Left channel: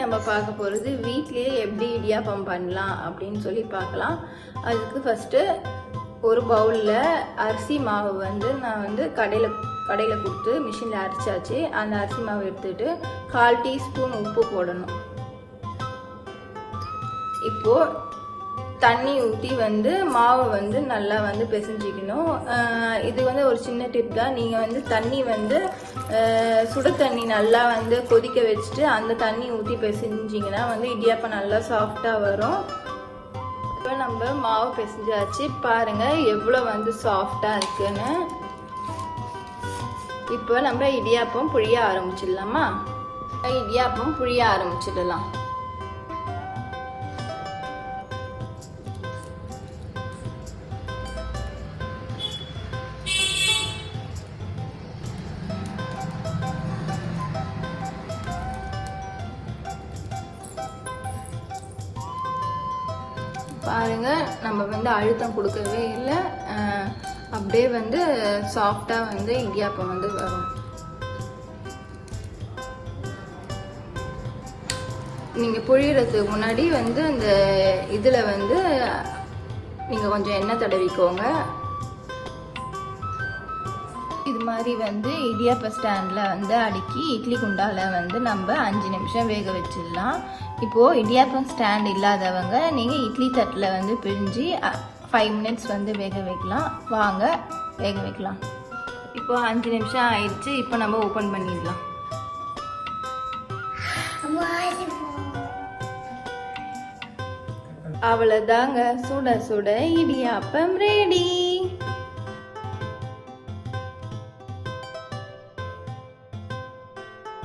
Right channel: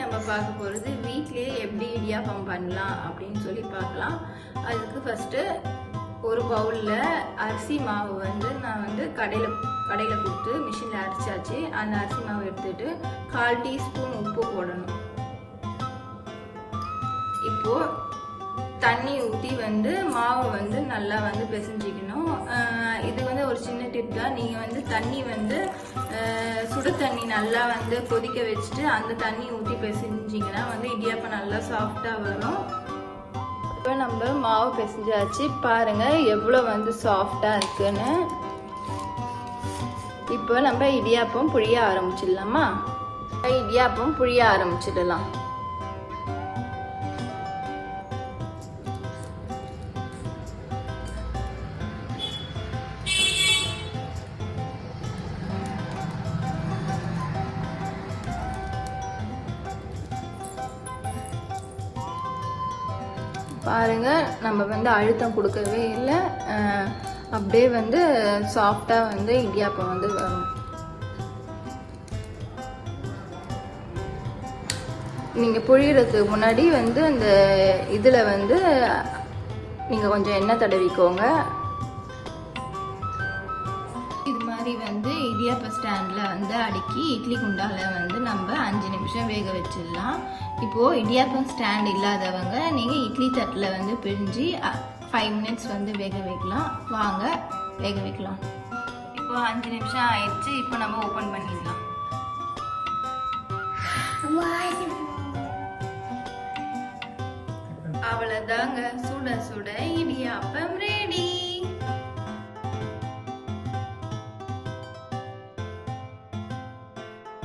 நம்ம பார்க்க போகிறது வீட்டிலேயே எப்படி இடியாப்பம் பண்ணலாம் அப்படின்னு சொல்லி பார்க்கலாம். அதுக்கு ஃபஸ்ட்டு ஒரு பவுலில் அரிசி மாவு நான் கடையில் கொடுத்து மிஷினில் அரைச்சாச்சு. அந்த அரிசி மாவு எடுத்துகிட்டு 1/4 டீஸ்பூன் உப்பு போடணும். இப்போது தண்ணி ஊற்றி மாவு நல்லா பிசைஞ்சிக்கணும். இது ஒரு சின்ன டிப் தான். நீங்கள் தண்ணி சுட தண்ணி நல்லா கொதிக்க வச்சுட்டு அந்த தண்ணி ஊற்றி பிசைஞ்சிங்கன்னா இடியாப்பம் நல்லா சாஃப்டாக வரும். இப்போ நம்ம மாவு பிசைஞ்சாச்சு, பாருங்கள் எவ்வளோ சாஃப்டாக இருக்குன்னு. இப்போ நம்ம இடியாப்பம் புழிய ஆரம்பிச்சிடலாமா? இடியாப்பம் புழிய ஆரம்பிச்சிடலாம். பாருங்க, நம்ம அழுத்தம் கொடுக்கவே இல்லை, அப்படியே சாஃப்டாக இடியாப்பம் வரும். நீங்கள் புழியறதுக்கு முன்னாடி அந்த இதில் நீங்கள் கொஞ்சம் எண்ணெய் தடவிக்கோங்க. இது மாதிரி இடியாப்ப ஸ்டாண்டில் அடுக்கி இட்லி குண்டாவில் நம்ம 5 நிமிஷம் வேக வச்சிடலாம். இப்போது இடியாப்பம் ஸ்டாண்ட் இல்லாதவங்க நீங்கள் இட்லி தட்டில் பிரிஞ்சு 5 மினிட்ஸ் வேக வைக்கலாம். வாங்க வேக வைக்கலாம். இப்போ 5 நிமிஷம் ஆயிடுச்சு. இப்போ நம்ம ஓப்பன் பண்ணிடலாம். அவ்வளோதாங்க, சுட சுட இடியாப்பம் ரெடி.